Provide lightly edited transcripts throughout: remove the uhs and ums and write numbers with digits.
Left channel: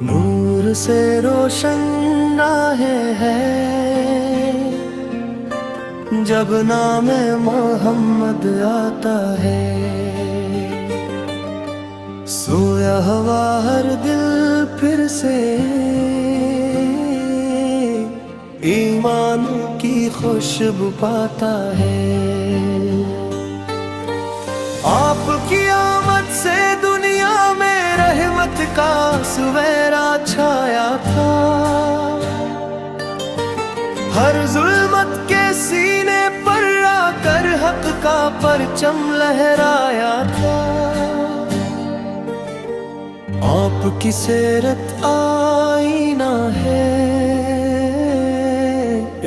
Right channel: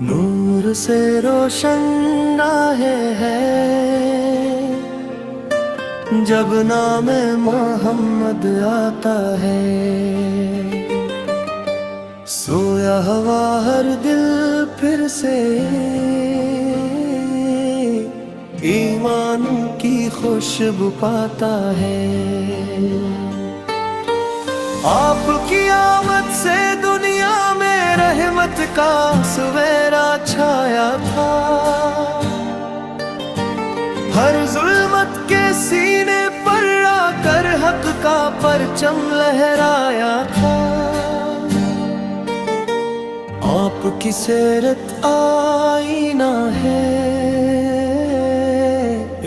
नूर से रोशन राहे है जब नाम मोहम्मद आता है। सोया हुआ हर दिल फिर से ईमान की खुशबू पाता है। आपकी आमद से दुनिया में रहमत का सवेरा छाया था। हर जुल्मत के सीने पर आकर हक का परचम लहराया था। आपकी सीरत आईना है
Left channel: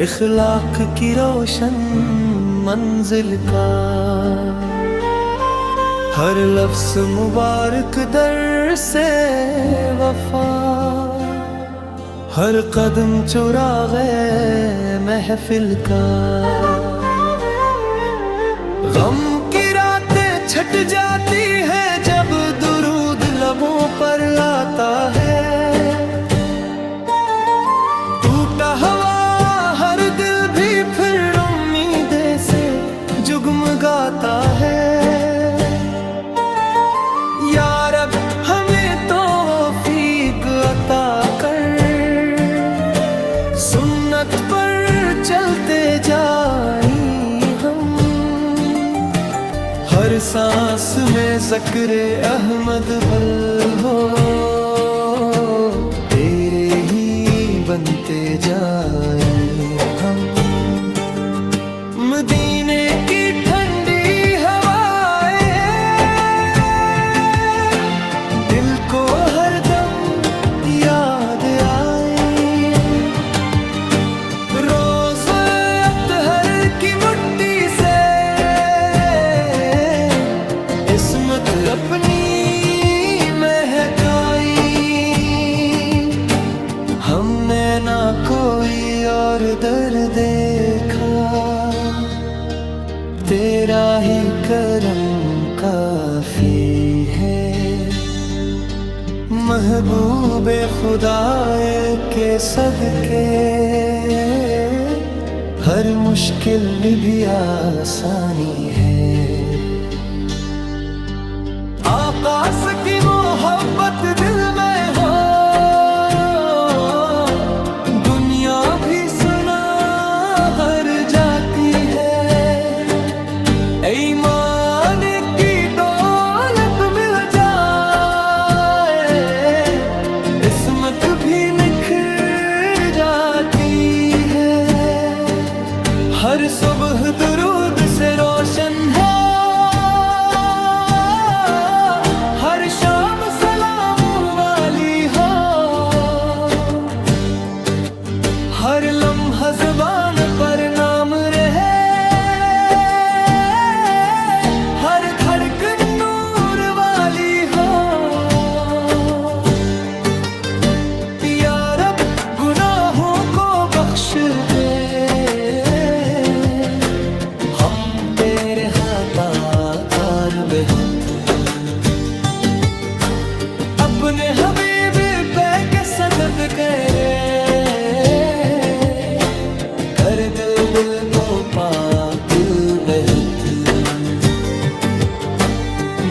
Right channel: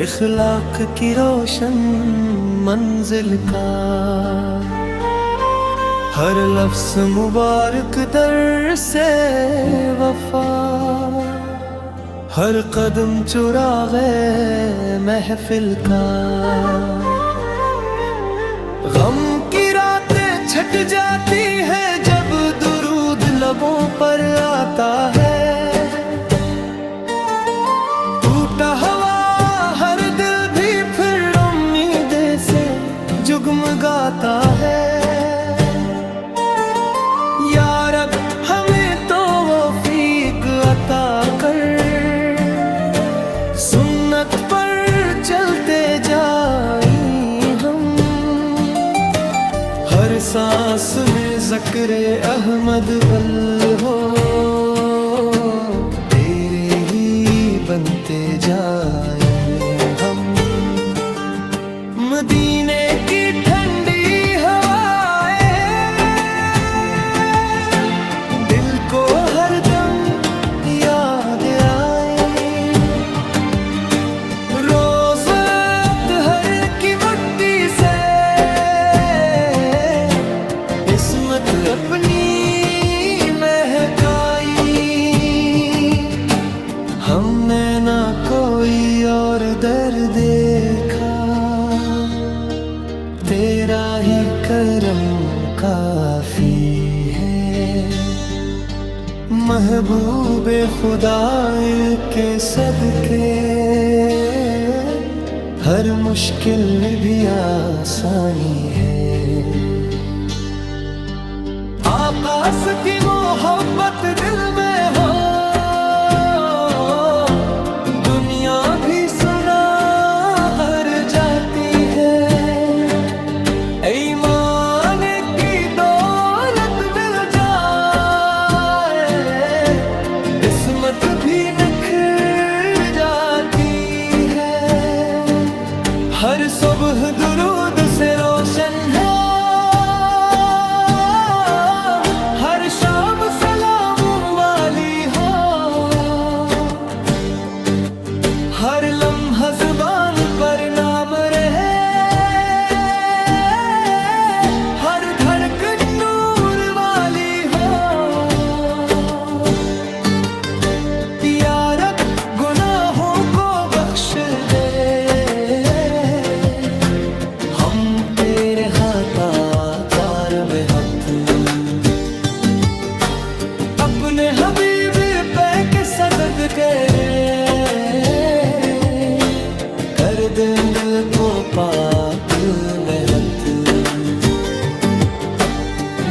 इखलाक की रोशन मंजिल का। हर लफ्ज़ मुबारक दर से वफा, हर कदम चुरागे महफिल का। गम की रातें छट जाती है जब दुरूद लबों पर आता है। टूटा हुआ हर दिल भी फिर उम्मीद से जुगमगाता है। या रब हमें तो तौफीक अता कर, सुन्नत पर चलते जाएं हम। हर सांस में ज़िक्र अहमद बल हो, तेरे ही बनते जाएं हम। मदीने की ठंडी हवाएं दिल को हरदम याद आए। रोज़ अत्हर की मुट्ठी से इस्मत अपनी महकाई। हमने ना कोई और दर देखा, तेरा ही करम काफी है। महबूबे खुदाए के सदके हर मुश्किल भी आसानी है। आकाश की मोहब्बत दिल में हो, दुनिया भी सुना हर जाती है। ईमान की दौलत मिल जाए, किस्मत भी निखर जाती है। हर सुबह दुरूद से रोशन है, हर शाम सलाम वाली हो। हर लम्हा ज़ुबान पर नाम रहे, हर धड़कन नूर वाली हो। या रब गुनाहों को बख्श दे, हम तेरे खताकार बेहद। अपने हबीब पे के सदक़े कर दिल को पाक बेहद।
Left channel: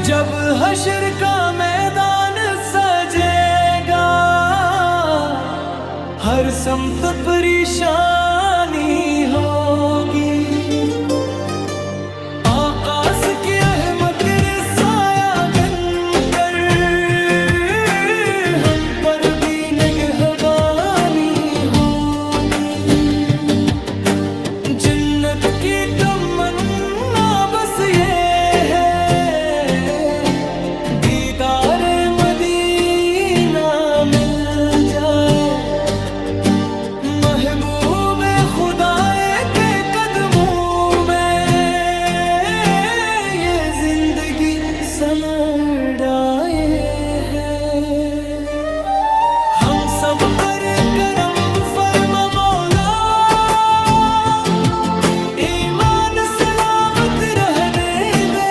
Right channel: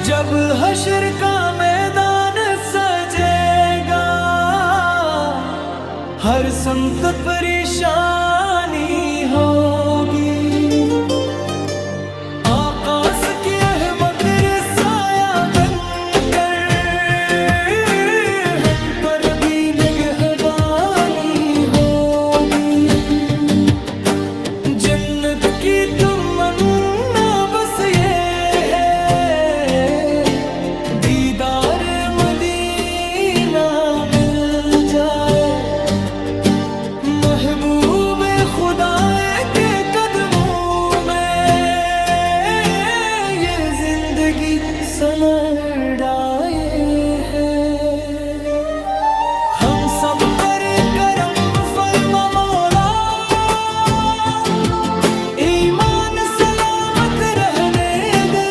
जब हश्र का मैदान सजेगा, हर समत परेशानी होगी। आकाश की रहमत साया बनकर हम पर भी निगहबानी होगी। जन्नत की तमन्ना बस ये है, दीदार मदीना मिल जाए। महबूबे खुदाए के कदमों में ये जिंदगी सनर आए है। हम सब पर करम फरमा मौला, ईमान सलामत रहने दे।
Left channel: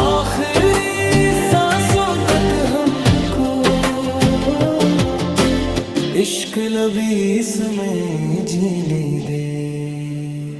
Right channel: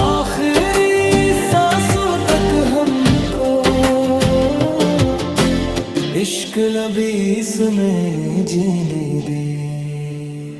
आखिरी सांसों तक हमको, इश्क लबीस में जीने दे।